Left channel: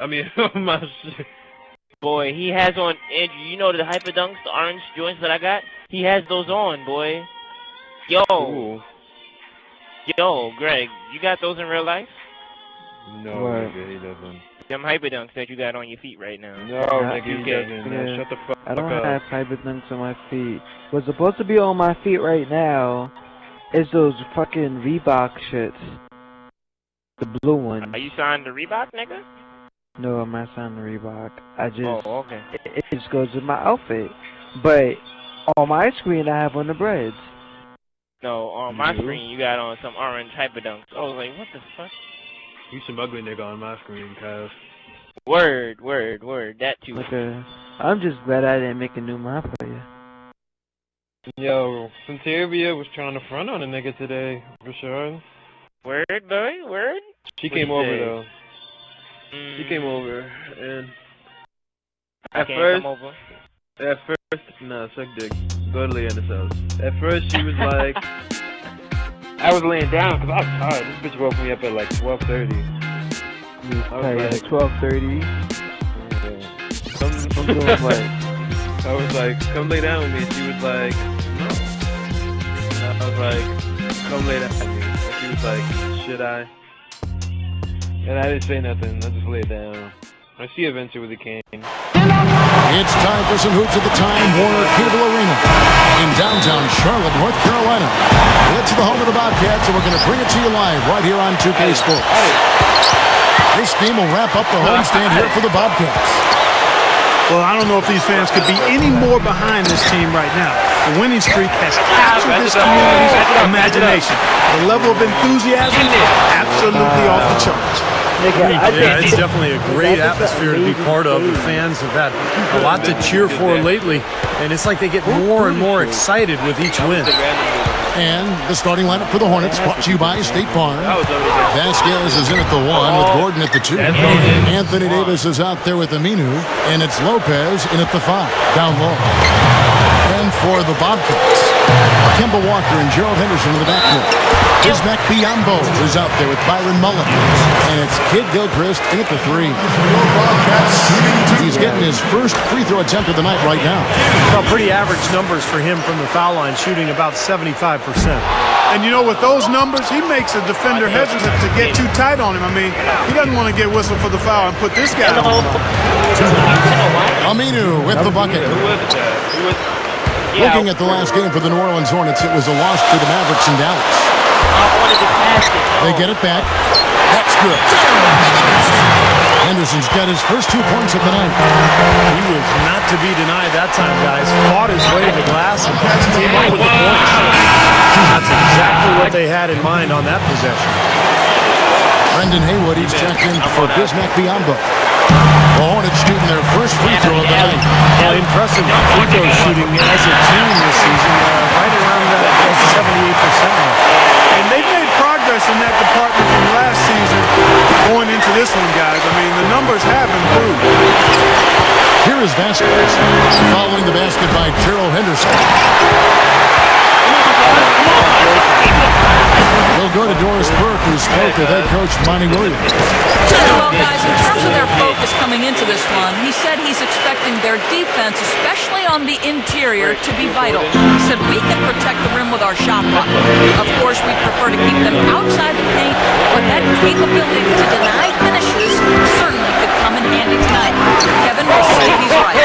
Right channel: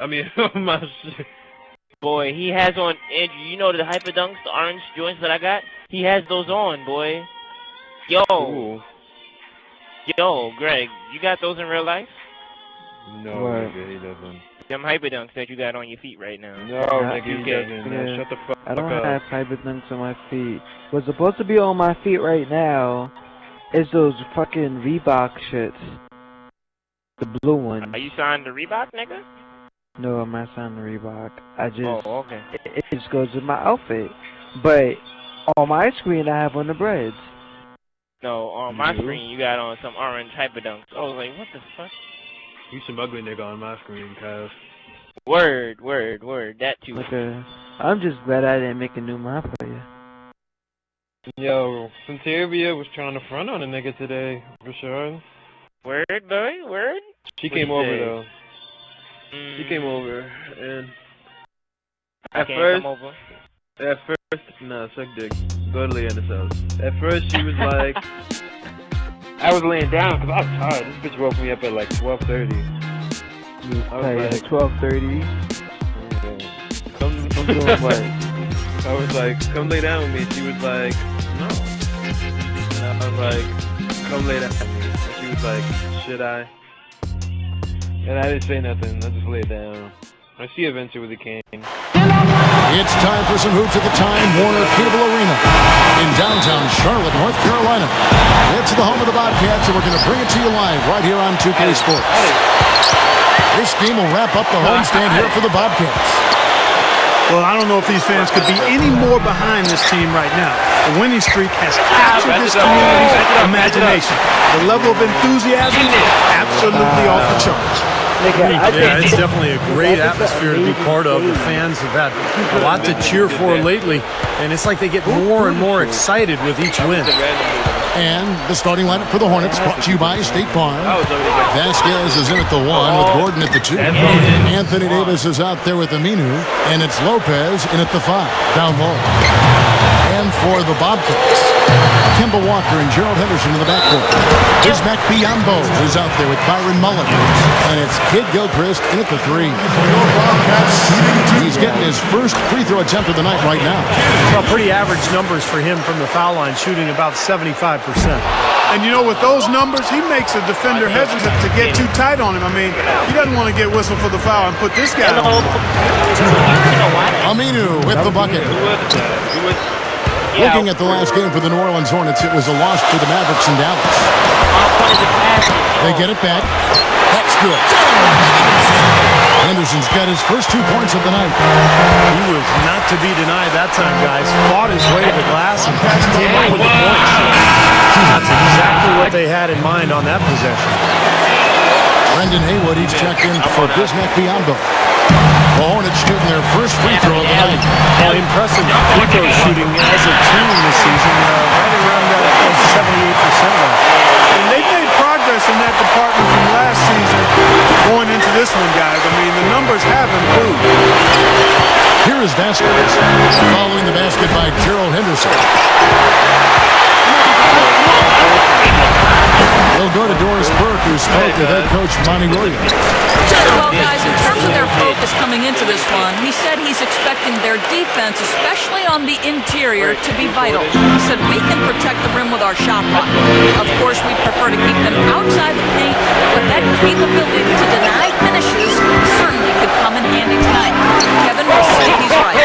I mean, oh my shit. Boy, he has on, Andrew, you know the Hyper Dunks, the orange joints that I got? He has those on, boy. Yo. Ooh. Yo, Greg, you got those in real life? No, nigga, he doesn't. Them Hyper Dunks that you got on your feet right now. No, nigga, he doesn't. Yeah. Shut the fuck up. I don't have Hyper Dunks on my feet. What's supposed to be on my feet right now is those fucking Reebok shits. The blue ones. Are you signed to Reebok, nigga? No, I'm not signing Reebok. I just... Oh, okay. It just goes with my outfit. But on my screen, I have on the breads. No, on my screen, you got on some orange Hyper Dunks. I was like, what the fuck? You some ugly nigga on my screen, cuz. Word. That too. Okay. I'm just glad I didn't make a new map for you. Yo, Centavia was trying to front on a nigga today, for sure. Word, boy, word. She came over, though. She came over, and at first, nah, suck dick. Go to Leanna's house. At first, she was like, I was laying down because I was tired. This bitch woke me up at like 12:30. You was tired at 12:30? I'm doing what? I was like, come lay down with me. She was like, no. And I was like, come lay down with me. And she was like, should I? And I didn't say nothing. I just laid down. And she eventually came. It's time for some hoops at the Time Warner Cable Arena in downtown Charlotte, North Carolina. It's the home of the Bobcats, and we're going to bring it to you live right here on 2K Sports. This game will wrap up the homestand here for the Bobcats. Well, I don't know if these fans could be any more behind this team right now. The winning streak has captured this community's imagination. The level of enthusiasm is absolutely off the charts. Yeah, it's definitely a great atmosphere to be part of. The fans have had a lot to cheer for lately, and it's like they get more and more excited with each win. And the starting lineup for the Hornets brought to you by State Farm. Vasquez is in at the 1 with Gordon at the 2. Anthony Davis is out there with Aminu, and it's Lopez in at the 5, down low. And for the Bobcats, Kemba Walker and Gerald Henderson in the backcourt. Bismack Biyombo is out there with Byron Mullen. And it's Kid Gilchrist in at the 3. He's getting his first free throw attempt of the night right now. Well, pretty average numbers for him from the foul line, shooting about 75%. And you know, with those numbers, he makes a defender hesitant to get too tight on him. I mean, he doesn't want to get whistled for the foul and put this guy on. Aminu with the bucket. Who was that? Who was... Looking at the last game for the New Orleans Hornets, it was a loss to the Mavericks in Dallas. I wanted to pass it. No. They get it back. That's good. Henderson's got his first 2 points of the night. He was not to be denied that time, guys. Fought his way to the glass and came up with the points. That's exactly what they had in mind on that possession. Brendan Haywood, he's checked in for Bismack Biyombo. The Hornets shooting their first free throw of the night. Well, impressive free throw shooting as a team this season, right around that 78% mark. And they've made progress in that department from last season going into this one, guys. I mean, the numbers have improved. Here is Vasquez, following the basket by Gerald Henderson. We'll go to Doris Burke, who spoke with head coach Monty Williams. Well, guys, in terms of their focus coming into this one, he said he's expecting their defense, especially on the interior, to be vital. He said we can protect the rim with our shot block. Of course, we prefer to keep them outside the paint, but that capability to deny finishes certainly could come in handy tonight. Kevin will say he's right.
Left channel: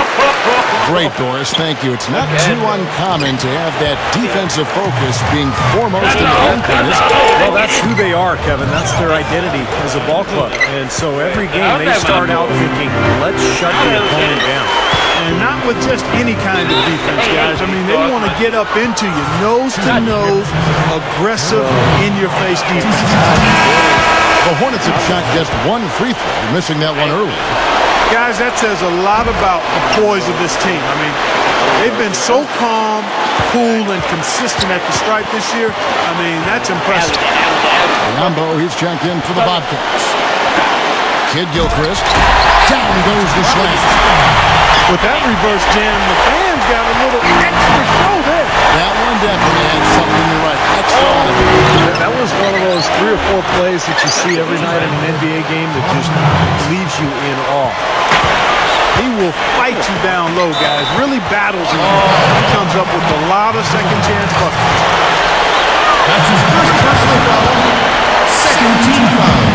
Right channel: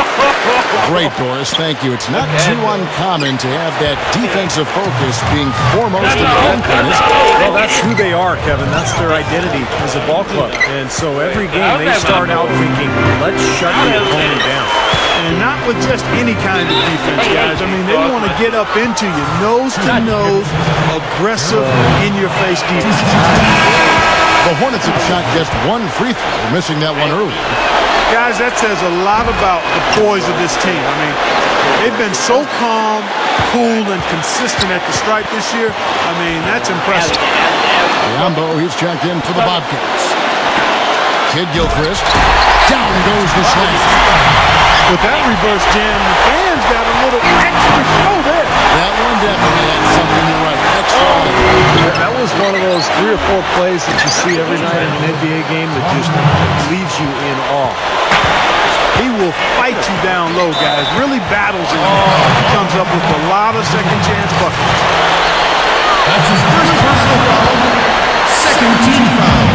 Great, Doris. Thank you. It's not too uncommon to have that defensive focus being foremost in the home court. Well, that's who they are, Kevin. That's their identity as a ball club. And so every game they start out thinking, let's shut the opponent down. And not with just any kind of defense, guys. I mean, they want to get up into you, nose to nose, aggressive, in-your-face defense. The Hornets have shot just 1 free throw, missing that one earlier. Guys, that says a lot about the poise of this team. I mean, they've been so calm, cool, and consistent at the stripe this year. I mean, that's impressive. Biyombo, he's checked in for the Bobcats. Kid Gilchrist. Down goes the slam. With that reverse jam, the fans got a little extra show there. That one definitely had something, you're right, extra on it. That was one of those 3 or 4 plays that you see every night in an NBA game that just leaves you in awe. He will fight you down low, guys. Really battles in there. He comes up with a lot of second chance buckets.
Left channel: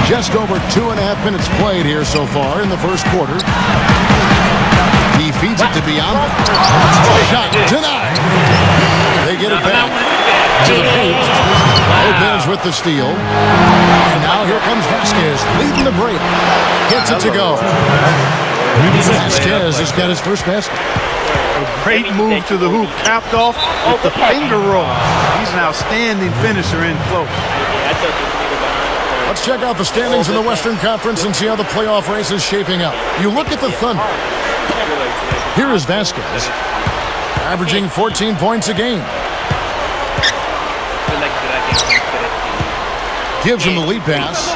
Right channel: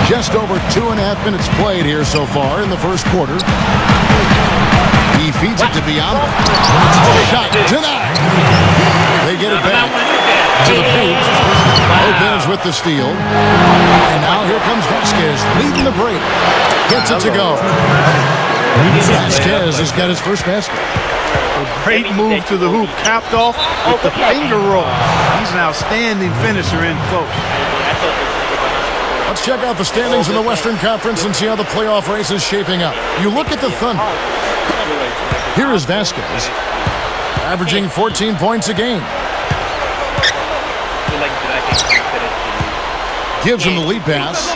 Just over 2.5 minutes played here so far in the first quarter. He feeds it to Biombo. Shot denied. They get it back to the paint. Lopez with the steal. And now here comes Vasquez leading the break. Gets it to go. Vasquez has got his first basket. A great move to the hoop, capped off with the finger roll. He's an outstanding finisher in close. Let's check out the standings in the Western Conference and see how the playoff race is shaping up. You look at the Thunder. Here is Vasquez, averaging 14 points a game. Gives him the lead pass.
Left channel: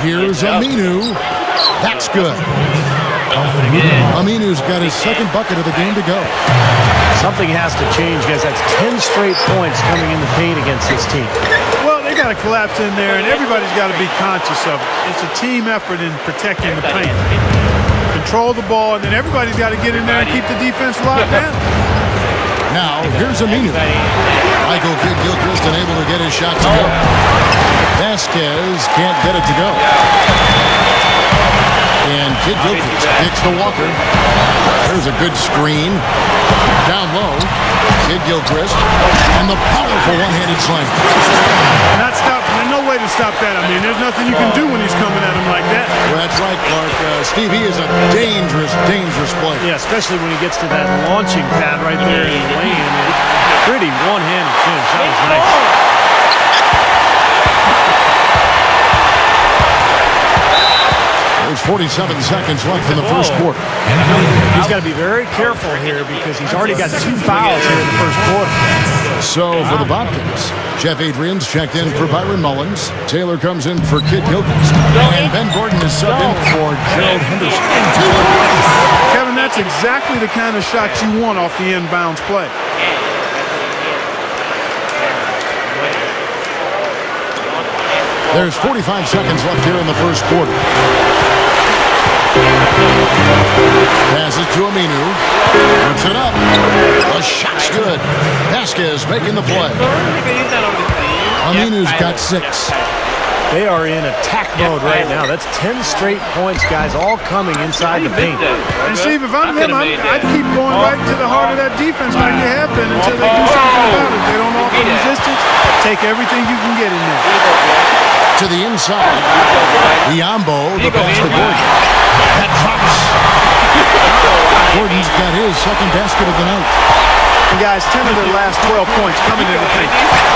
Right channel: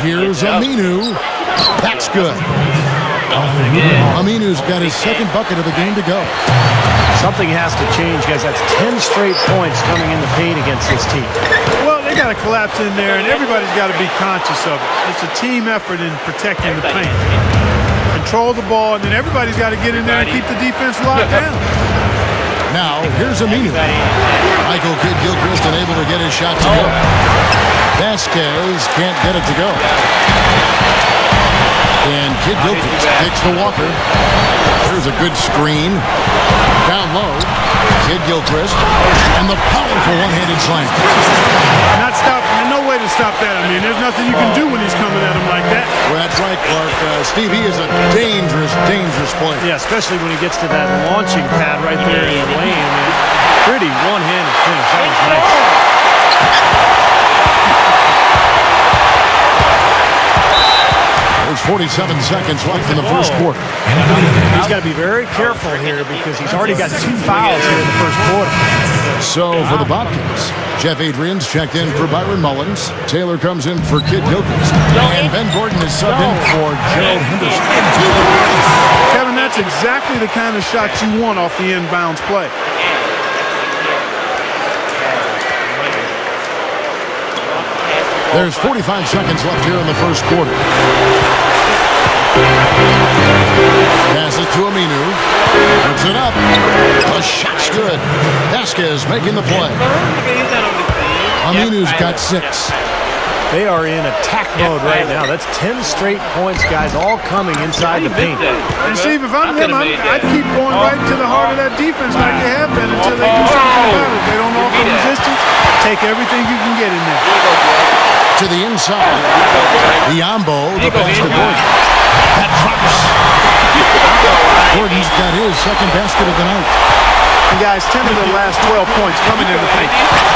Here's Aminu. That's good. Aminu's got his second bucket of the game to go. Something has to change, guys. That's 10 straight points coming in the paint against this team. Well, they got to collapse in there, and everybody's got to be conscious of it. It's a team effort in protecting the paint. Control the ball, and then everybody's got to get in there and keep the defense locked down. Now, here's Aminu. Michael Kidd-Gilchrist unable to get his shot to go. Vasquez can't get it to go. And Kidd-Gilchrist kicks to Walker. There's a good screen. Down low, Kidd-Gilchrist. And the powerful one-handed slam. Not stopping. There's no way to stop that. I mean, there's nothing you can do when he's coming at him like that. Well, that's right, Clark. Steve, he is a dangerous, dangerous player. Yeah, especially when he gets to that launching pad right there in the lane. I mean, pretty one-handed finish. That was nice. There's 47 seconds left in the first quarter. He's got to be very careful here because he's already got 2 fouls here in the first quarter. So for the Bobcats, Jeff Adrian's checked in for Byron Mullins. Taylor comes in for Kidd-Gilchrist. And Ben Gordon is subbed in for Gerald Henderson. Kevin, that's exactly the kind of shot you want off the inbounds play. There's 45 seconds left here in the first quarter. Passes to Aminu. Puts it up. The shot's good. Vasquez making the play. Aminu's got 6. They are in attack mode right now. That's 10 straight points, guys, all coming inside the paint. And Steve, if I'm them, I'd keep going right to the heart of that defense like they have been until they do something about it. If they don't offer resistance, take everything you can get in there. To the inside. Biombo, the pass to Gordon. That drops. Gordon's got his second basket of the night. And guys, 10 of their last 12 points coming in the paint.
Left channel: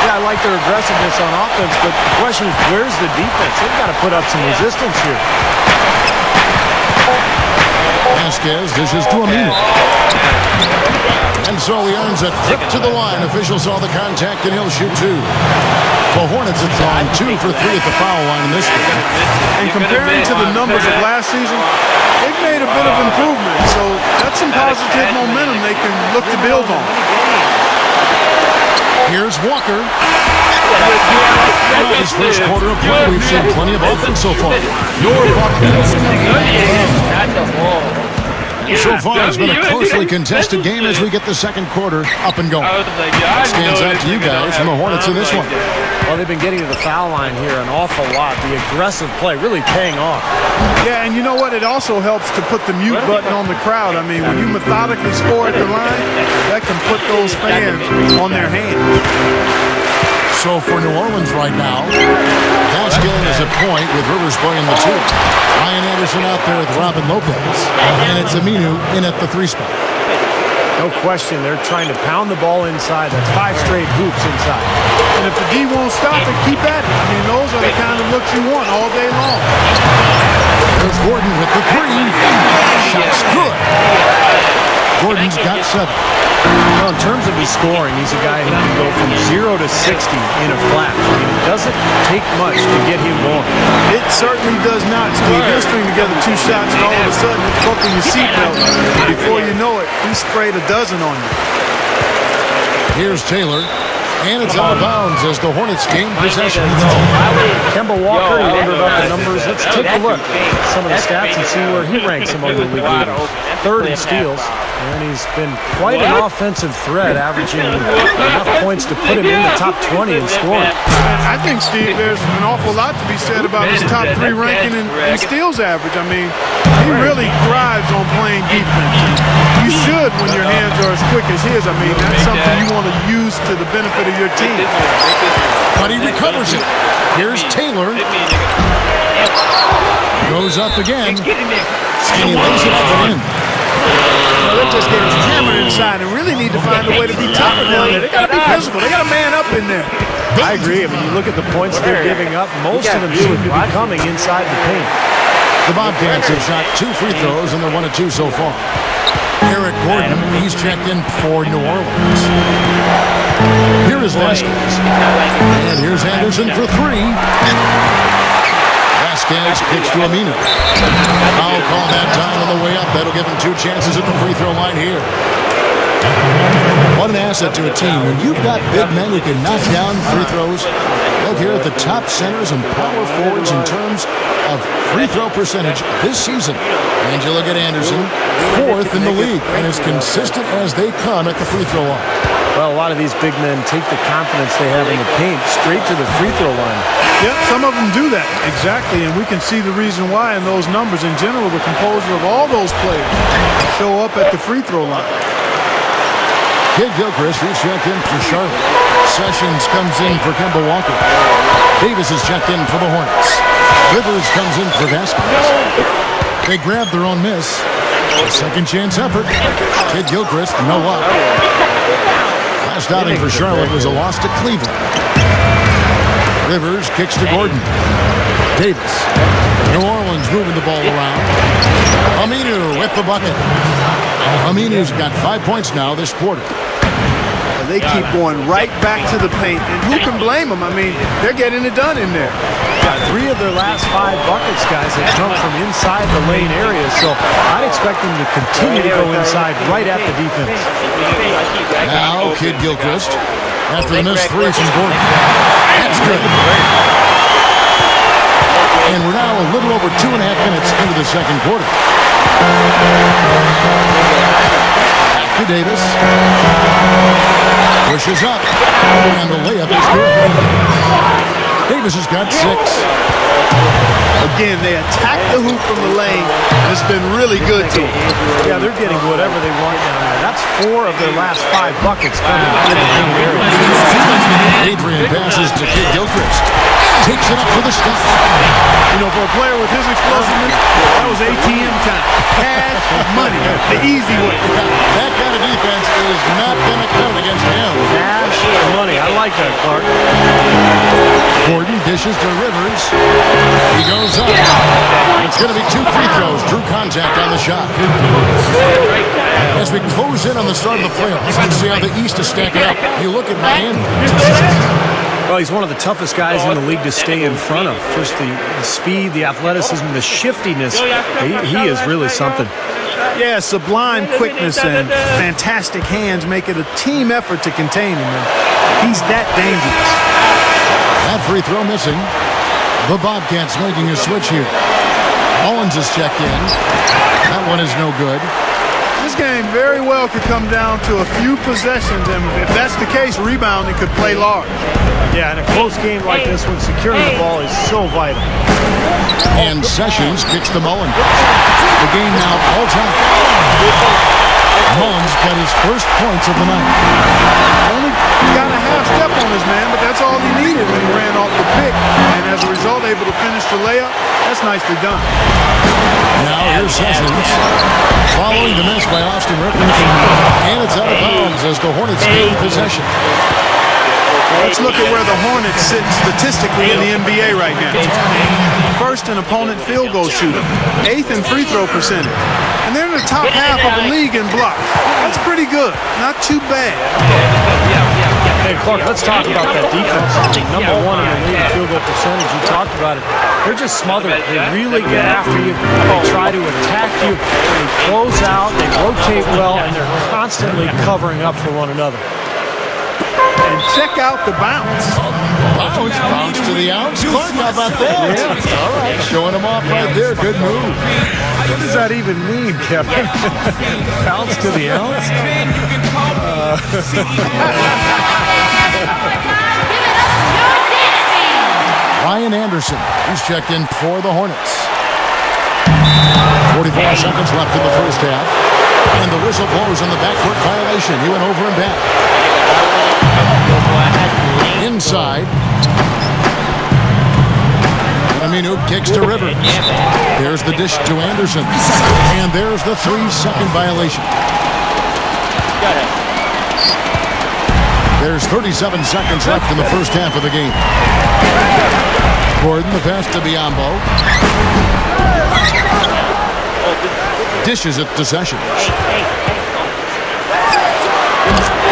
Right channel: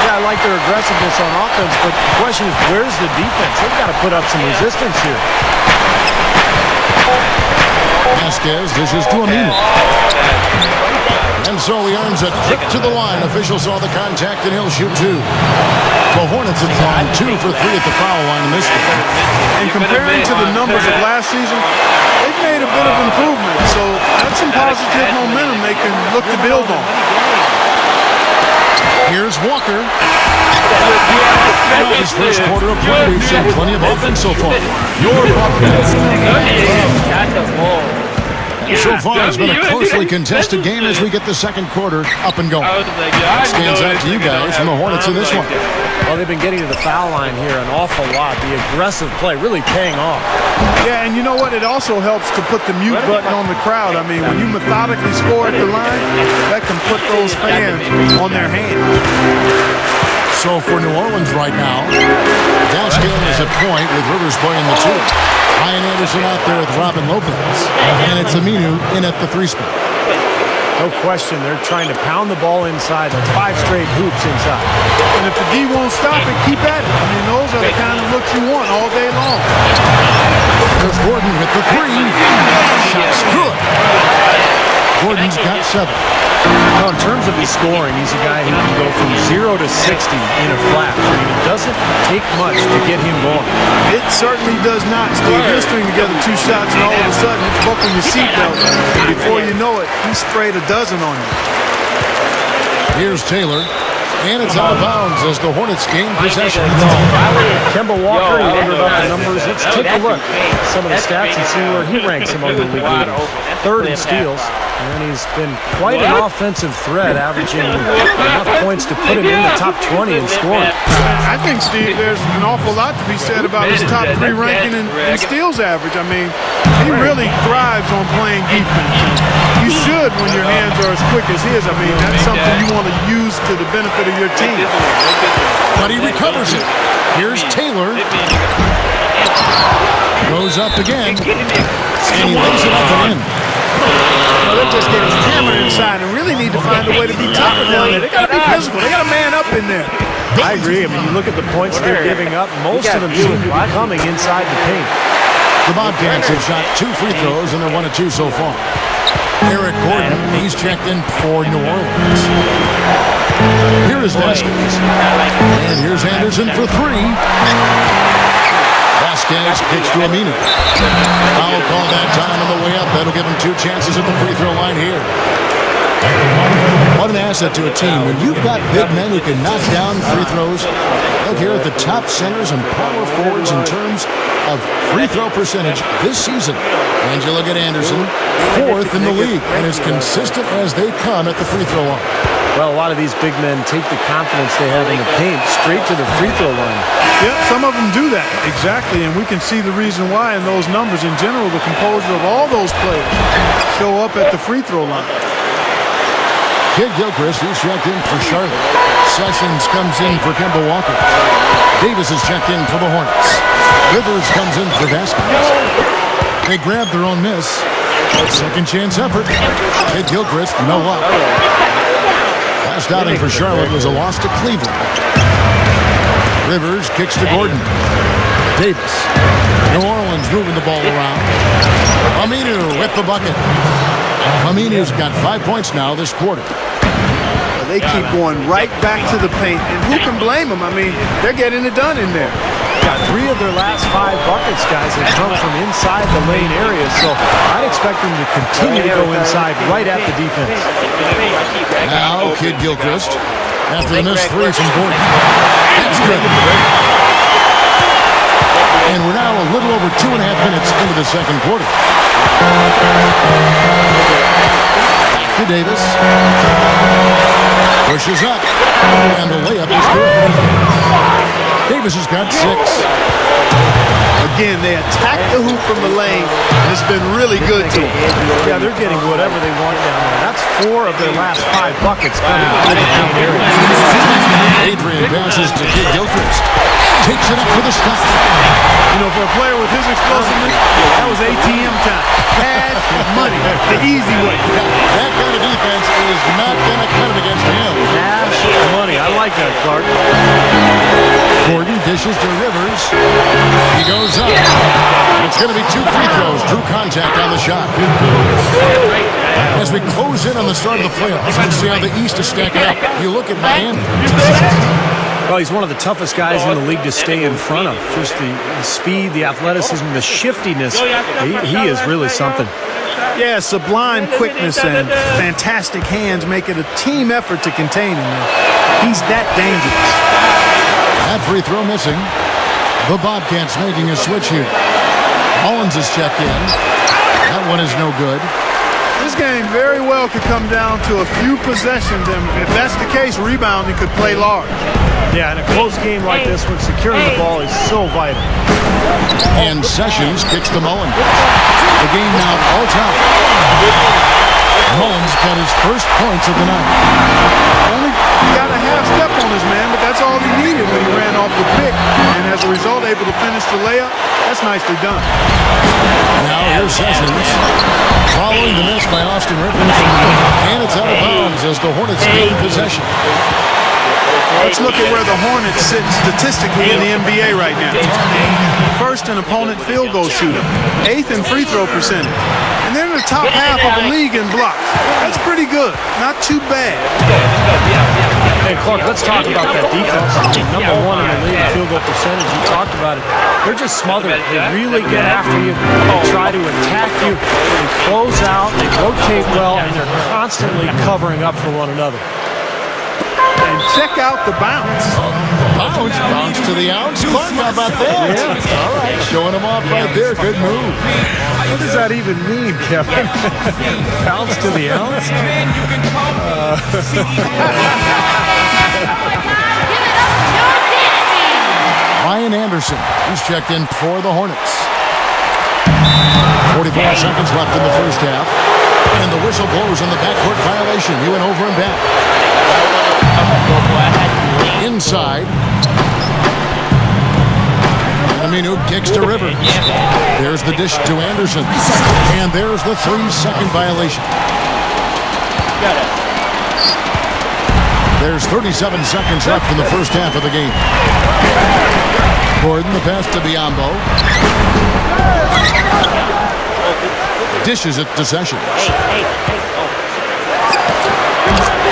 Yeah, I like their aggressiveness on offense, but the question is, where's the defense? They've got to put up some resistance here. Vasquez dishes to Aminu. And so he earns a trip to the line. Official saw the contact, and he'll shoot 2. The Hornets have gone 2 for 3 at the foul line in this game. And comparing to the numbers of last season, they've made a bit of improvement. So that's some positive momentum they can look to build on. Here's Walker. His first quarter of play, we've seen plenty of offense so far. And so far, it's been a closely contested game as we get the second quarter up and going. What stands out to you guys from the Hornets in this one? Well, they've been getting to the foul line here an awful lot. The aggressive play really paying off. Yeah, and you know what? It also helps to put the mute button on the crowd. I mean, when you methodically score at the line, that can put those fans on their hands. So for New Orleans right now, Vasquez is at point with Rivers playing the 2. Ryan Anderson out there with Robin Lopez. And it's Aminu in at the 3 spot. No question, they're trying to pound the ball inside. That's 5 straight hoops inside. And if the D won't stop it, keep at it. I mean, those are the kind of looks you want all day long. There's Gordon with the 3. Shot's good. Gordon's got 7. Well, in terms of his scoring, he's a guy who can go from 0 to 60 in a flash. I mean, it doesn't take much to get him going. It certainly does not, Steve. He'll string together 2 shots, and all of a sudden, it's buckle your seatbelt. And before you know it, he sprayed a dozen on you. Here's Taylor. And it's out of bounds as the Hornets gain possession. Kemba Walker, he wondered about the numbers. Let's take a look at some of the stats and see where he ranks among the league leaders. 3rd in steals, and he's been quite an offensive threat, averaging enough points to put him in the top 20 in scoring. I think, Steve, there's an awful lot to be said about his top 3 ranking in steals average. I mean, he really thrives on playing defense. And you should when your hands are as quick as his. I mean, that's something you want to use to the benefit of your team. But he recovers it. Here's Taylor. Goes up again. And he lays it up and in. Well, they're just getting hammered inside and really need to find a way to be tougher down there. They got to be physical. They got to man up in there. I agree. I mean, you look at the points they're giving up, most of them seem to be coming inside the paint. The Bobcats have shot 2 free throws, and they're 1 of 2 so far. Eric Gordon, he's checked in for New Orleans. Here is Vasquez. And here's Anderson for 3. Vasquez kicks to Aminu. Foul call that time on the way up. That'll give him 2 chances at the free throw line here. What an asset to a team. When you've got big men who can knock down free throws, look here at the top centers and power forwards in terms of free throw percentage this season. And you look at Anderson, 4th in the league, and as consistent as they come at the free throw line. Well, a lot of these big men take the confidence they have in the paint straight to the free throw line. Yep, some of them do that. Exactly, and we can see the reason why in those numbers. In general, the composure of all those players show up at the free throw line. Kid Gilchrist, who's checked in for Charlotte. Sessions comes in for Kemba Walker. Davis is checked in for the Hornets. Rivers comes in for Vasquez. They grab their own miss. Second chance effort. Kid Gilchrist, no luck. Last outing for Charlotte was a loss to Cleveland. Rivers kicks to Gordon. Davis. New Orleans moving the ball around. Aminu with the bucket. Aminu's got 5 points now this quarter. Well, they keep going right back to the paint, and who can blame them? I mean, they're getting it done in there. Yeah, 3 of their last 5 buckets, guys, have come from inside the lane area, so I'd expect them to continue to go inside right at the defense. Now, Kid Gilchrist, after the missed 3 from Gordon. That's good. And we're now a little over 2.5 minutes into the second quarter. Back to Davis. Pushes up, and the layup is good. Davis has got 6. Again, they attack the hoop from the lane, and it's been really good to them. Yeah, they're getting whatever they want down there. That's 4 of their last 5 buckets coming in the paint area. Adrian passes to Kid Gilchrist. Takes it up for the stop. You know, for a player with his explosiveness, that was ATM time. Cash money, the easy way. Yeah, that kind of defense is not going to cut it against him. Cash money. I like that, Clark. Gordon dishes to Rivers. He goes up. And it's going to be 2 free throws. Drew contact on the shot. As we close in on the start of the playoffs, let's see how the East is stacking up. You look at Miami. Well, he's one of the toughest guys in the league to stay in front of. Just the speed, the athleticism, the shiftiness. He is really something. Yeah, sublime quickness and fantastic hands make it a team effort to contain him. And he's that dangerous. That free throw missing. The Bobcats making a switch here. Owens is checked in. That one is no good. This game very well could come down to a few possessions, and if that's the case, rebounding could play large. Yeah, in a close game like this one, securing the ball is so vital. And Sessions kicks to Mullins. The game now all time. Mullins got his first points of the night. Only got a half step on his man, but that's all he needed when he ran off the pick. And as a result, able to finish the layup. That's nicely done. Now here's Sessions. Following the miss by Austin Rivers. And it's out of bounds as the Hornets gain possession. Let's look at where the Hornets sit statistically in the NBA right now. First in opponent field goal shooting. 8th in free throw percentage. And they're in the top half of the league in blocks. That's pretty good. Not too bad. Let's go. We out. Hey, Clark, let's talk about that defense. Number one in the league in field goal percentage. You talked about it. They're just smothered. They really get after you. They try to attack you. They close out. They rotate well, and they're constantly covering up for one another. And check out the bounce. Oh, bounce to the ounce. Clark, how about that? Yeah. All right, showing him off right there. Good move. What does that even mean, Kevin? Bounce to the ounce? Ryan Anderson, who's checked in for the Hornets. 44 seconds left in the first half. And the whistle blows on the backcourt violation. He went over and back. Inside. And Aminu kicks to Rivers. There's the dish to Anderson. And there's the 3-second violation. There's 37 seconds left in the first half of the game. Gordon, the pass to Biyombo. Dishes it to Sessions.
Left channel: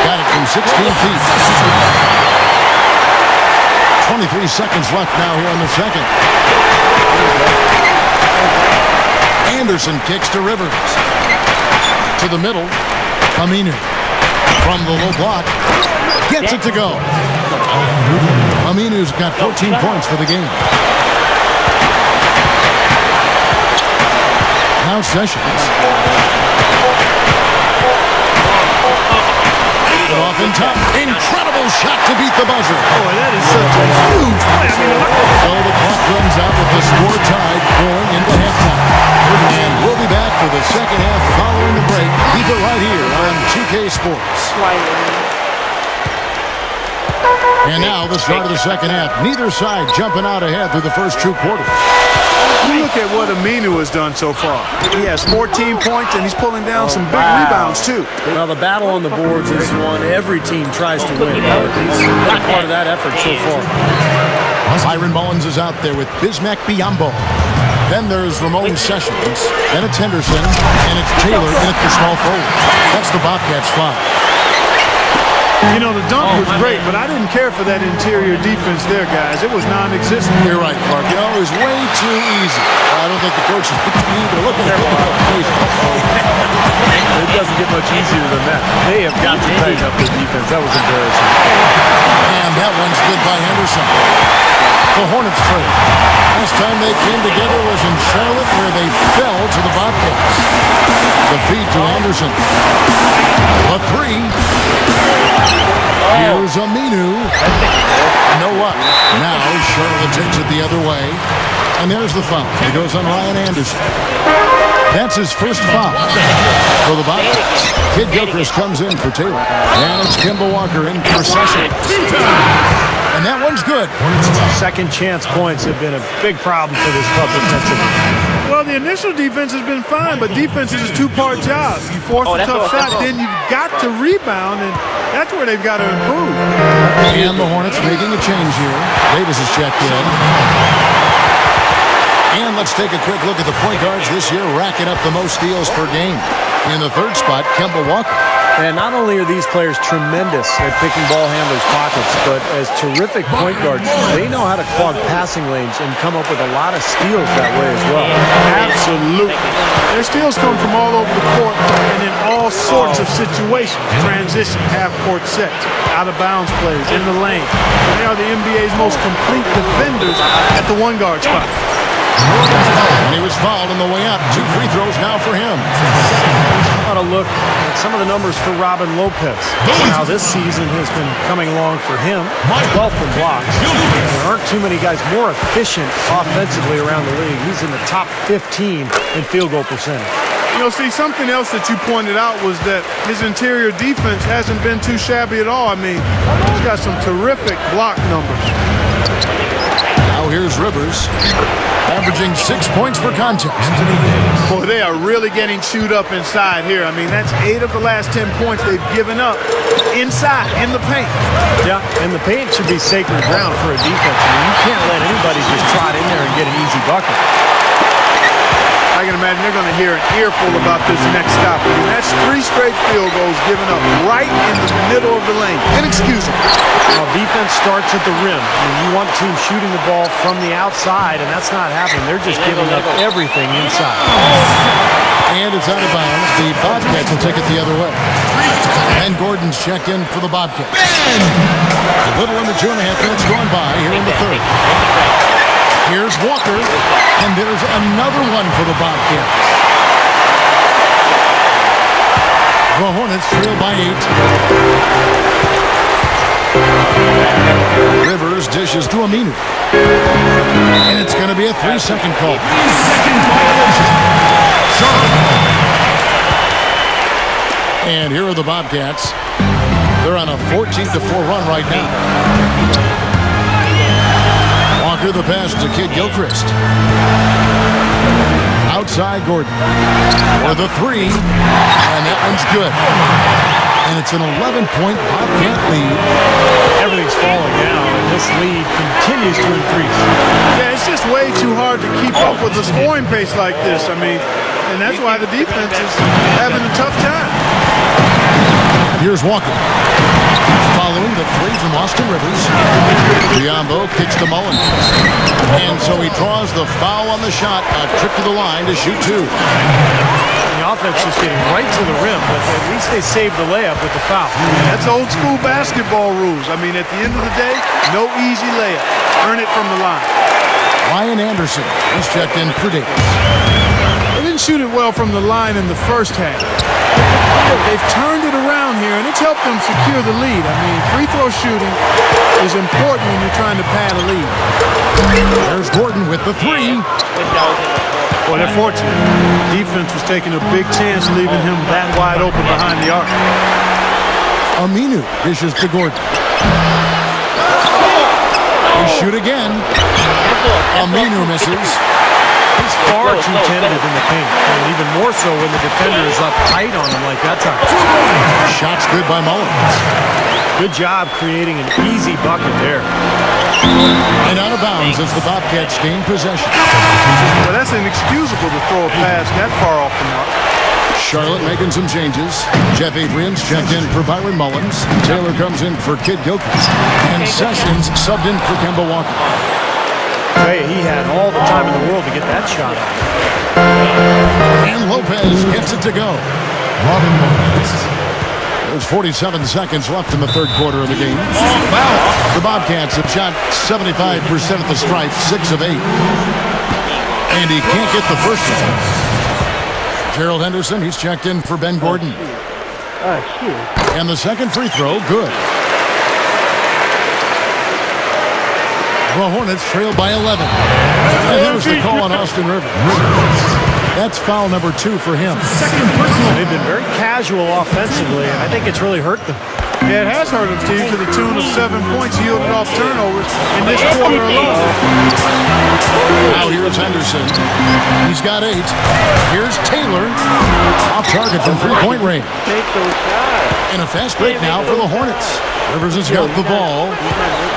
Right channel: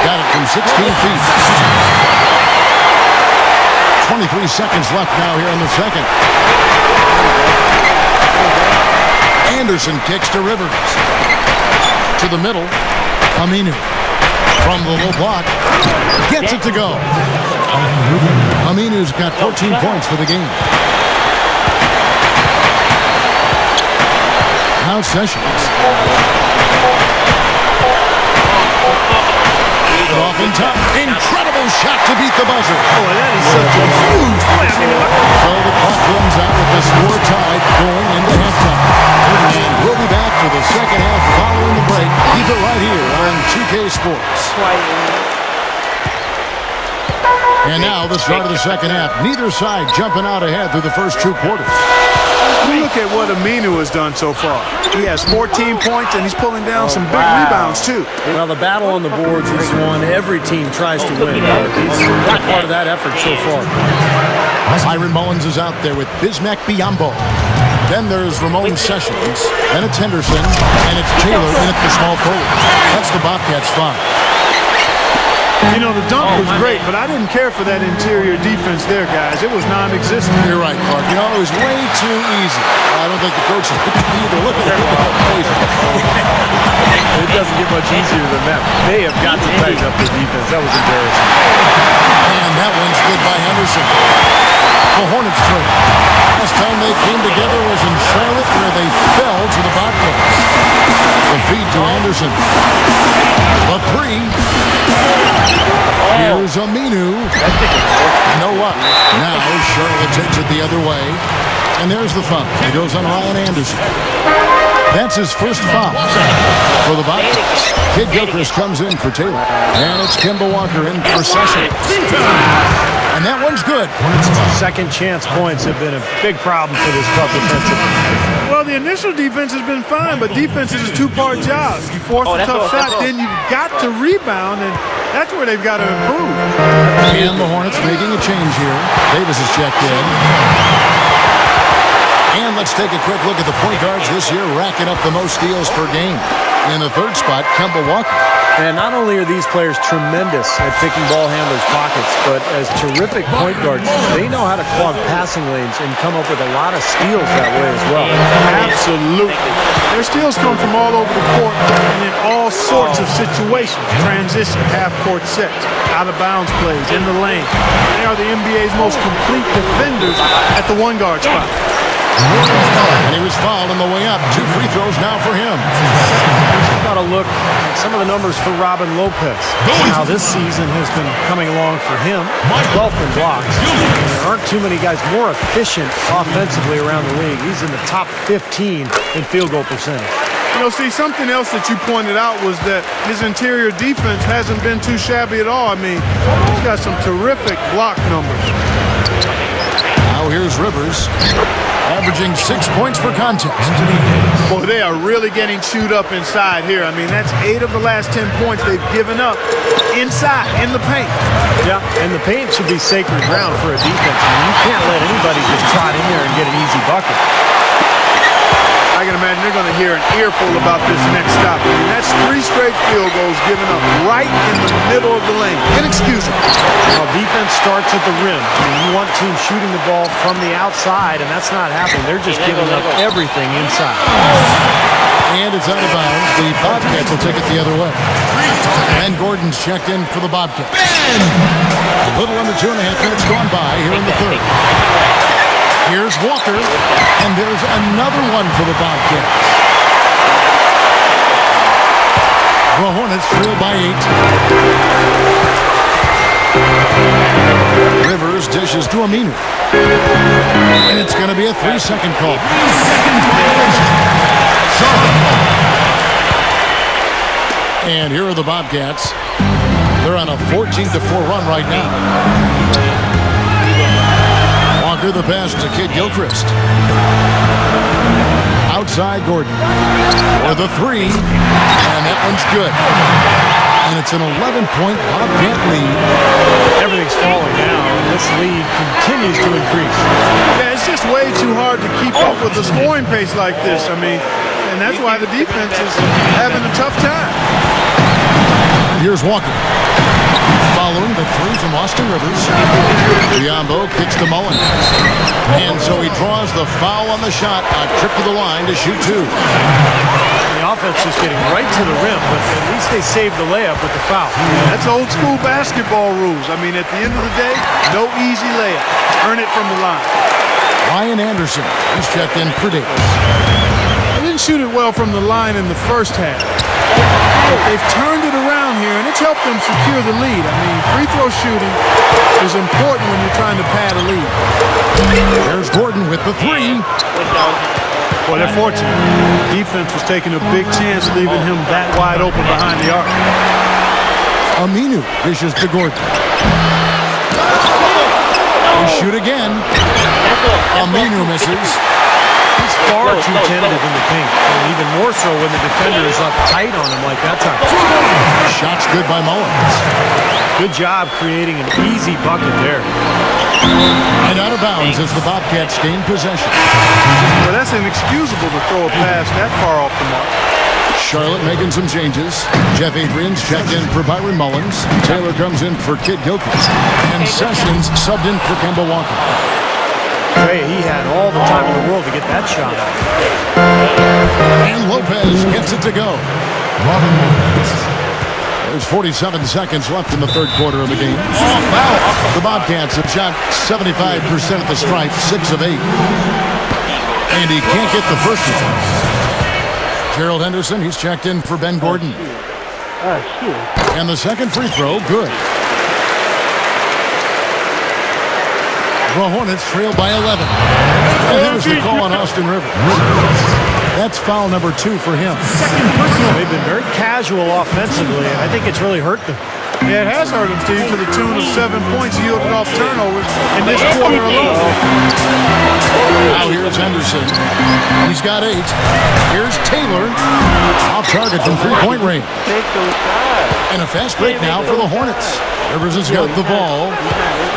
Got it from 16 feet. 23 seconds left now here in the second. Anderson kicks to Rivers. To the middle. Aminu. From the low block. Gets it to go. Aminu's got 14 points for the game. Now Sessions. Off in time. Incredible shot to beat the buzzer. Boy, that is such a huge play. I mean, look. So the clock runs out with the score tied going into halftime. And we'll be back for the second half following the break. Keep it right here on 2K Sports. And now the start of the second half. Neither side jumping out ahead through the first 2 quarters. You look at what Aminu has done so far. He has 14 points, and he's pulling down some big rebounds, too. Well, the battle on the boards is one every team tries to win. He's been a part of that effort so far. Byron Mullins is out there with Bismack Biyombo. Then there's Ramon Sessions. Then it's Henderson, and it's Taylor in at the small forward. That's the Bobcats' 5. You know, the dunk was great, but I didn't care for that interior defense there, guys. It was non-existent. You're right, Clark. You know, it was way too easy. I don't think the coach liked it either. Look at that face. It doesn't get much easier than that. They have got to tighten up their defense. That was embarrassing. And that one's good by Henderson. The Hornets trail. Last time they came together was in Charlotte, where they fell to the Bobcats. The feed to Anderson. The 3. Here's Aminu. You know what? Now Charlotte takes it the other way. And there's the foul. It goes on Ryan Anderson. That's his first foul for the Bobcats. Kid Gilchrist comes in for Taylor. And it's Kemba Walker in for Sessions. And that one's good. Second chance points have been a big problem for this club defensively. Well, the initial defense has been fine, but defense is a 2-part job. You force a tough shot, then you've got to rebound, and that's where they've got to improve. And the Hornets making a change here. Davis is checked in. And let's take a quick look at the point guards this year, racking up the most steals per game. In the third spot, Kemba Walker. And not only are these players tremendous at picking ball handlers' pockets, but as terrific point guards, they know how to clog passing lanes and come up with a lot of steals that way as well. Absolutely. Their steals come from all over the court and in all sorts of situations. Transition, half-court sets, out-of-bounds plays, in the lane. They are the NBA's most complete defenders at the one-guard spot. And he was fouled on the way up. 2 free throws now for him. How about a look at some of the numbers for Robin Lopez? How this season has been coming along for him. 12th in blocks. And there aren't too many guys more efficient offensively around the league. He's in the top 15 in field goal percentage. You know, Steve, something else that you pointed out was that his interior defense hasn't been too shabby at all. I mean, he's got some terrific block numbers. Now here's Rivers, averaging 6 points per contest. Boy, they are really getting chewed up inside here. I mean, that's 8 of the last 10 points they've given up inside, in the paint. Yeah, and the paint should be sacred ground for a defense. I mean, you can't let anybody just trot in there and get an easy bucket. I can imagine they're going to hear an earful about this next stop. I mean, that's 3 straight field goals given up right in the middle of the lane. Inexcusable. Well, defense starts at the rim. I mean, you want teams shooting the ball from the outside, and that's not happening. They're just giving up everything inside. And it's out of bounds. The Bobcats will take it the other way. Ben Gordon's checked in for the Bobcats. A little under 2.5 minutes gone by here in the third. Here's Walker, and there's another one for the Bobcats. The Hornets trail by 8. Rivers dishes to Aminu. And it's going to be a 3-second call. And here are the Bobcats. They're on a 14-4 run right now. Walker the pass to Kid Gilchrist. Outside Gordon. For the 3. And that one's good. And it's an 11-point Bobcat lead. Everything's falling now, and this lead continues to increase. Yeah, it's just way too hard to keep up with a scoring pace like this. I mean, and that's why the defense is having a tough time. And here's Walker. Following the 3 from Austin Rivers. Biombo kicks to Mullins. And so he draws the foul on the shot. A trip to the line to shoot 2. The offense just getting right to the rim, but at least they saved the layup with the foul. That's old school basketball rules. I mean, at the end of the day, no easy layup. Earn it from the line. Ryan Anderson, he's checked in for Davis. They didn't shoot it well from the line in the first half. But they've turned it around here, and it's helped them secure the lead. I mean, free throw shooting is important when you're trying to pad a lead. There's Gordon with the 3. Well, they're fortunate. Defense was taking a big chance leaving him that wide open behind the arc. Aminu dishes to Gordon. They shoot again. Aminu misses. He's far too tentative in the paint, and even more so when the defender is up tight on him like that time. Shot's good by Mullins. Good job creating an easy bucket there. And out of bounds as the Bobcats gain possession. Well, that's inexcusable to throw a pass that far off the mark. Charlotte making some changes. Jeff Adrian's checked in for Byron Mullins. Taylor comes in for Kid Gilchrist. And Sessions subbed in for Kemba Walker. I tell you, he had all the time in the world to get that shot off. And Lopez gets it to go. There's 47 seconds left in the third quarter of the game. The Bobcats have shot 75% at the stripe, 6 of 8. And he can't get the first one. Gerald Henderson, he's checked in for Ben Gordon. And the second free throw, good. The Hornets trail by 11. And there's the call on Austin Rivers. That's foul number 2 for him. They've been very casual offensively, and I think it's really hurt them. Yeah, it has hurt them, Steve, to the tune of 7 points yielded off turnovers in this quarter alone. Now here's Henderson. He's got 8. Here's Taylor. Off target from three-point range. Take those shots. And a fast break now for the Hornets. Rivers has got the ball.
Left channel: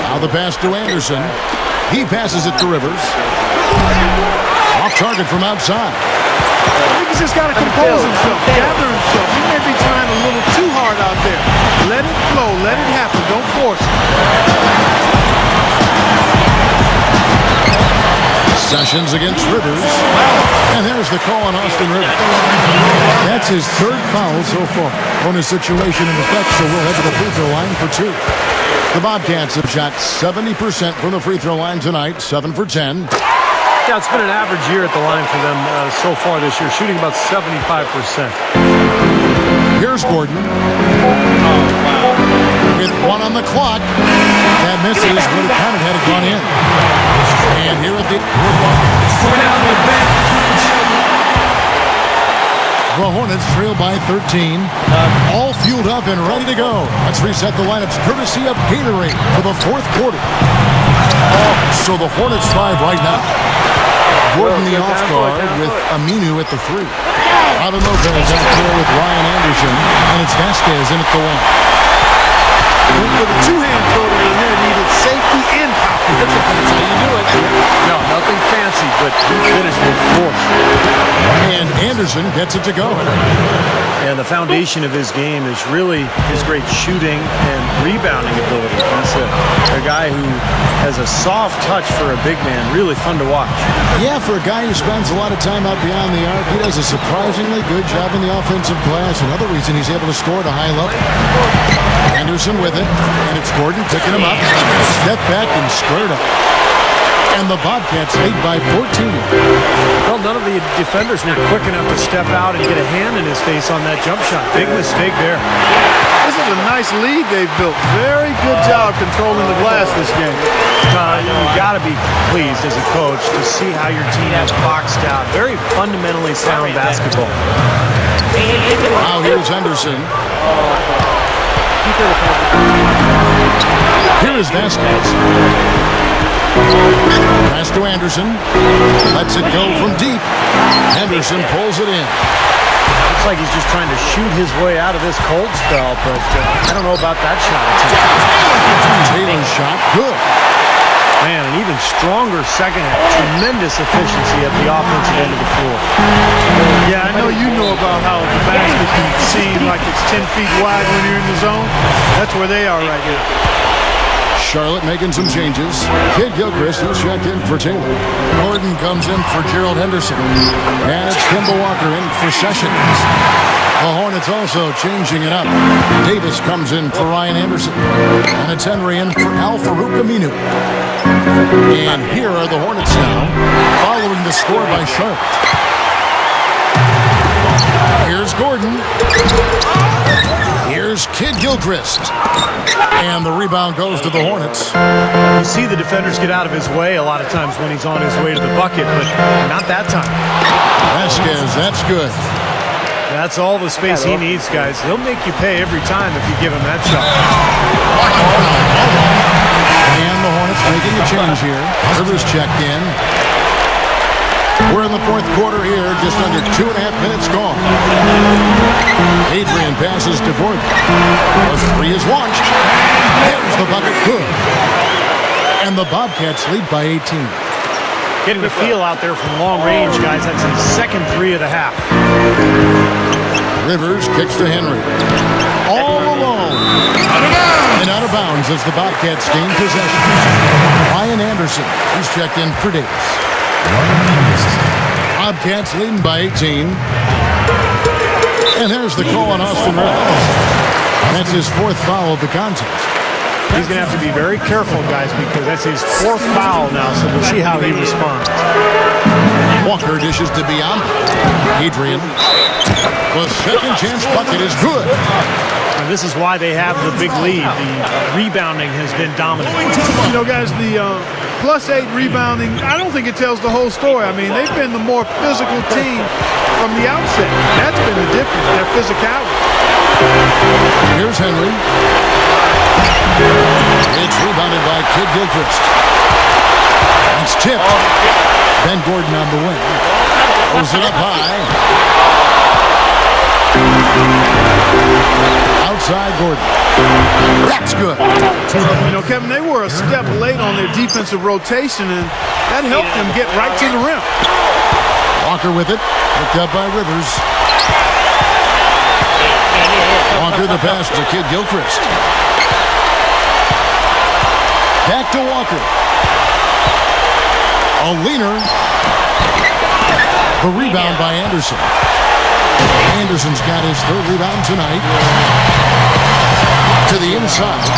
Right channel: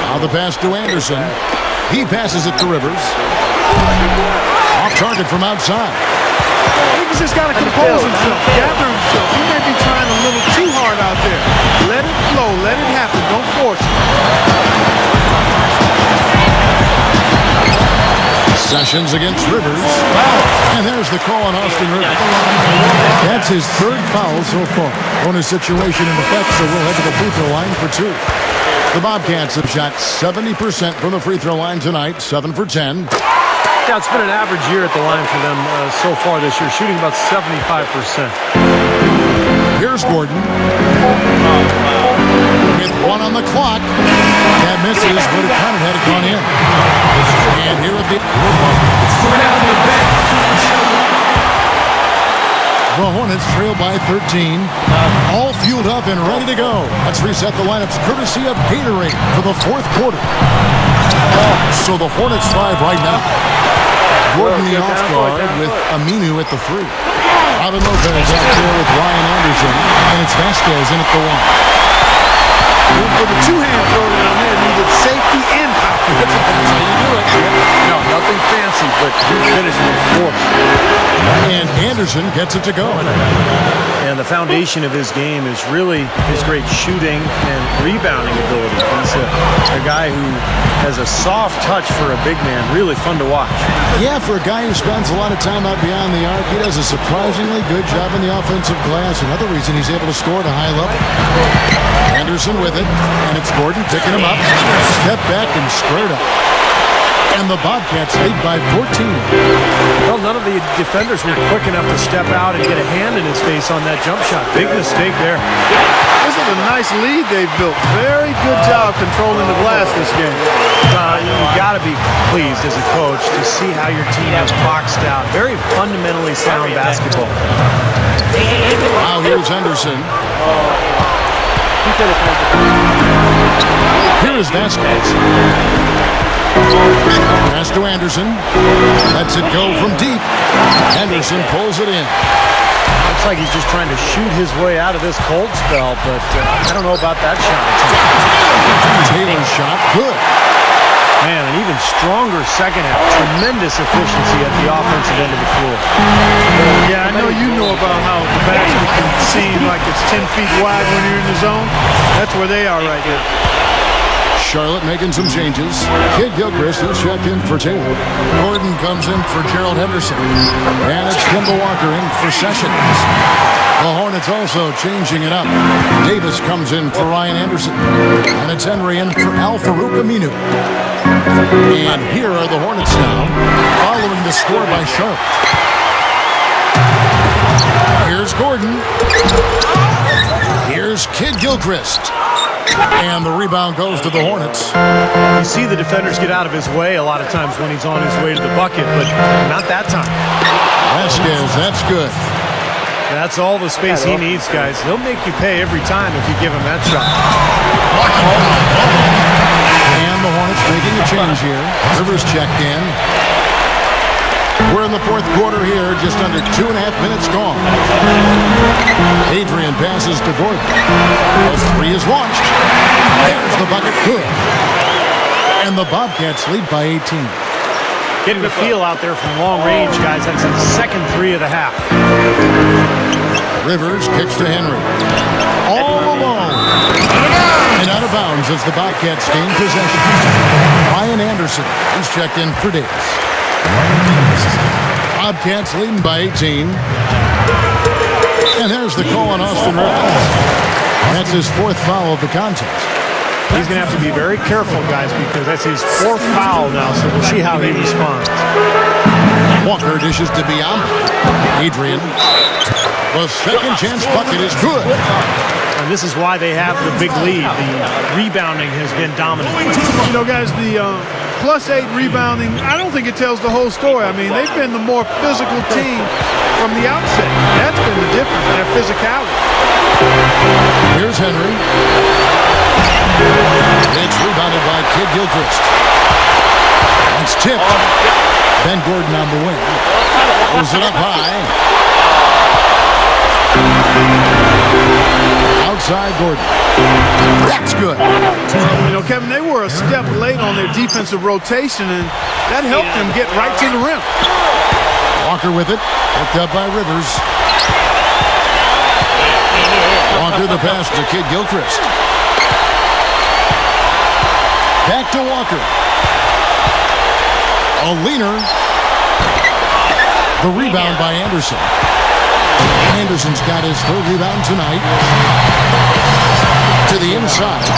Now the pass to Anderson. He passes it to Rivers. Off target from outside. I think he's just got to compose himself, gather himself. He may be trying a little too hard out there. Let it flow. Let it happen. Don't force it. Sessions against Rivers. And there's the call on Austin Rivers. That's his 3rd foul so far. Bonus situation in effect, so we'll head to the free throw line for 2. The Bobcats have shot 70% from the free throw line tonight, 7 for 10. Yeah, it's been an average year at the line for them so far this year, shooting about 75%. Here's Gordon. Oh, wow. With 1 on the clock. That misses, would have counted had it gone in. And here at the Hornets trail by 13. All fueled up and ready to go. Let's reset the lineups courtesy of Gatorade for the 4th quarter. So the Hornets 5 right now. Gordon the off guard with Aminu at the 3. Robin Lopez out there with Ryan Anderson. And it's Vasquez in at the 1. Went for the two-hand throw down there. Needed safety and power. That's how you do it. Yep. No, nothing fancy, but he finished with force. And Anderson gets it to go. And the foundation of his game is really his great shooting and rebounding ability. He's a guy who has a soft touch for a big man. Really fun to watch. Yeah, for a guy who spends a lot of time out beyond the arc, he does a surprisingly good job in the offensive glass. Another reason he's able to score at a high level. Anderson with it, and it's Gordon picking him up. Step back and squared up. And the Bobcats lead by 14. Well, none of the defenders were quick enough to step out and get a hand in his face on that jump shot. Big mistake there. This is a nice lead they've built. Very good job controlling the glass this game. You got to be pleased as a coach to see how your team has boxed out. Very fundamentally sound basketball. Now here's Henderson. Here is Vasquez. Pass to Anderson. Lets it go from deep. Henderson pulls it in. Looks like he's just trying to shoot his way out of this cold spell, but I don't know about that shot attempt. Taylor's shot, good. Man, an even stronger second half. Tremendous efficiency at the offensive end of the floor. Yeah, I know you know about how the basket can seem like it's 10 feet wide when you're in the zone. That's where they are right now. Charlotte making some changes. Kid Gilchrist is checked in for Taylor. Gordon comes in for Gerald Henderson. And it's Kemba Walker in for Sessions. The Hornets also changing it up. Davis comes in for Ryan Anderson. And it's Henry in for Al Farouk Aminu. And here are the Hornets now, following the score by Charlotte. Here's Gordon. Here's Kid Gilchrist. And the rebound goes to the Hornets. You see the defenders get out of his way a lot of times when he's on his way to the bucket, but not that time. Vasquez, that's good. That's all the space he needs, guys. He'll make you pay every time if you give him that shot. And the Hornets making a change here. Rivers checked in. We're in the fourth quarter here, just under 2.5 minutes gone. Adrian passes to Gordon. The three is launched. There's the bucket, good. And the Bobcats lead by 18. Getting the feel out there from long range, guys. That's his second three of the half. Rivers kicks to Henry. All alone. And out of bounds as the Bobcats gain possession. Ryan Anderson, who's checked in for Davis. Bobcats leading by 18. And there's the call on Austin Rivers. That's his fourth foul of the contest. He's going to have to be very careful, guys, because that's his fourth foul now, so we'll see how he responds. Walker dishes to Biamba. Adrian. The second chance bucket is good. And this is why they have the big lead. The rebounding has been dominant. You know, guys, the +8 rebounding, I don't think it tells the whole story. I mean, they've been the more physical team from the outset. That's been the difference, their physicality. Here's Henry. It's rebounded by Kid Gilchrist. That's tipped. Ben Gordon on the wing. Throws it up high. Outside Gordon. That's good. You know, Kevin, they were a step late on their defensive rotation, and that helped them get right to the rim. Walker with it. Picked up by Rivers. Walker the pass to Kid Gilchrist. Back to Walker. A leaner. The rebound by Anderson. Anderson's got his third rebound tonight. To the inside.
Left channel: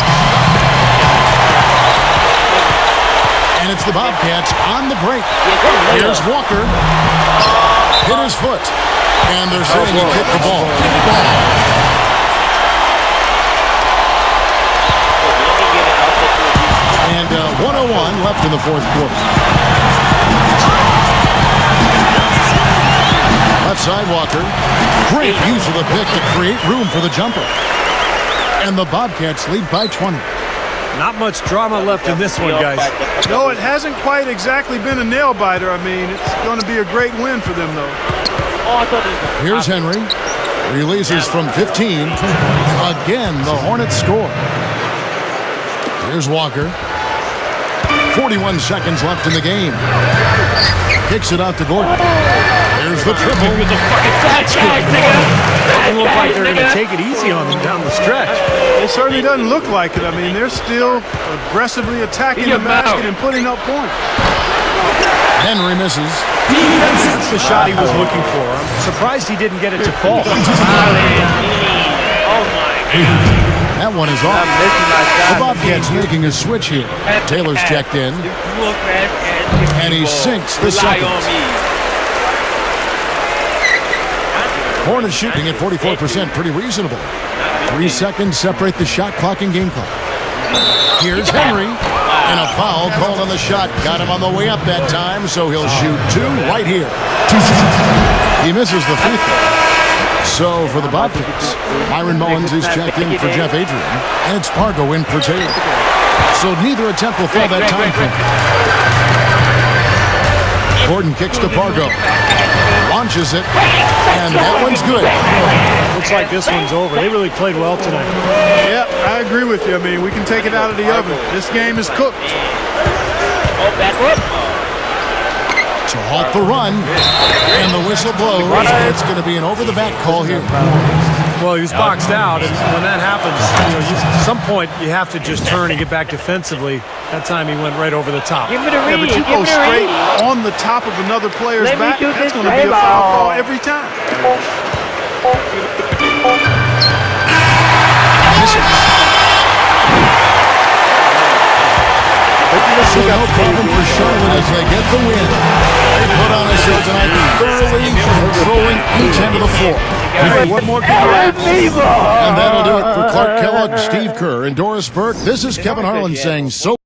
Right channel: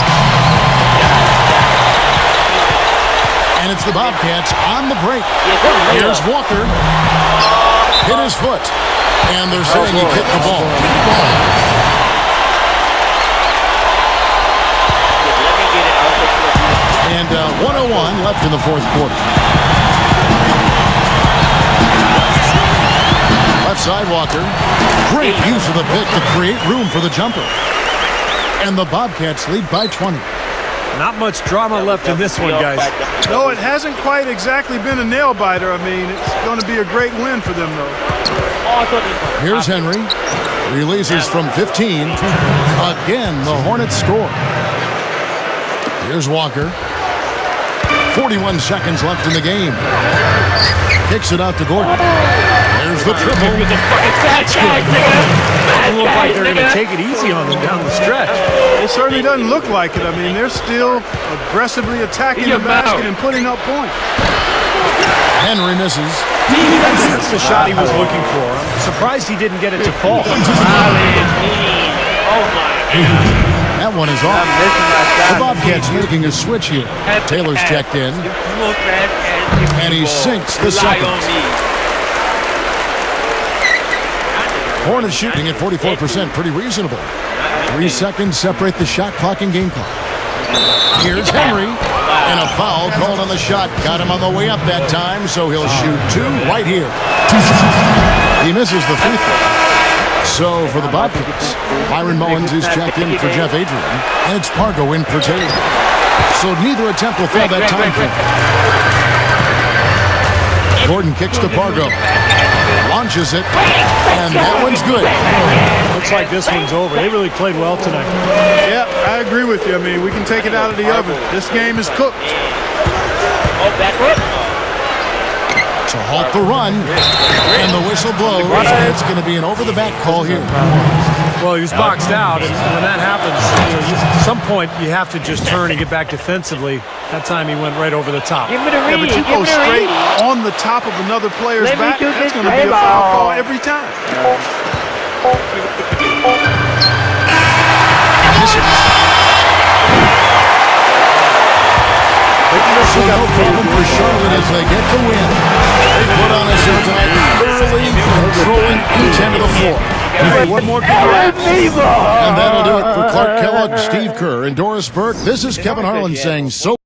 And it's the Bobcats on the break. Here's Walker. Hit his foot. And they're saying he kicked the ball. Let me get it. I'll set you up. And 1:01 left in the fourth quarter. Left side Walker. Great use of the pick to create room for the jumper. And the Bobcats lead by 20. Not much drama left in this one, guys. No, it hasn't quite exactly been a nail-biter. I mean, it's going to be a great win for them, though. Here's Henry. Releases from 15. Again, the Hornets score. Here's Walker. 41 seconds left in the game. Kicks it out to Gordon. Here's the triple. He was a fucking fat guy, nigga. Doesn't look like they're going to take it easy on them down the stretch. It certainly doesn't look like it. I mean, they're still aggressively attacking the basket and putting up points. Henry misses. That's the shot he was looking for. I'm surprised he didn't get it to fall. Oh my God. That one is off. The Bobcats making a switch here. Taylor's checked in. And he sinks the second. Hornets shooting at 44%, pretty reasonable. 3 seconds separate the shot clock and game clock. Here's Henry. And a foul called on the shot. Got him on the way up that time, so he'll shoot 2 right here. He misses the free throw. So for the Bobcats, Myron Mullins is checked in for Jeff Adrian, and it's Pargo in for Taylor. So neither attempt will fall that time frame. Gordon kicks to Pargo. Launches it, and that one's good. Looks like this one's over. They really played well tonight. Yeah, I agree with you. I mean, we can take it out of the oven. This game is cooked. Oh, backward. To halt the run, and the whistle blows, and it's going to be an over-the-back call here. Well, he was boxed out, and when that happens, at some point you have to just turn and get back defensively. That time he went right over the top. Give me the read. Yeah, but you go straight on the top of another player's back, that's going to be a foul call every time. So no problem for Charlotte as they get the win. They put on a show tonight, thoroughly controlling each end of the floor. Hey, what more can you ask? And that'll do it for Clark Kellogg, Steve Kerr, and Doris Burke. This is Kevin Harlan saying so.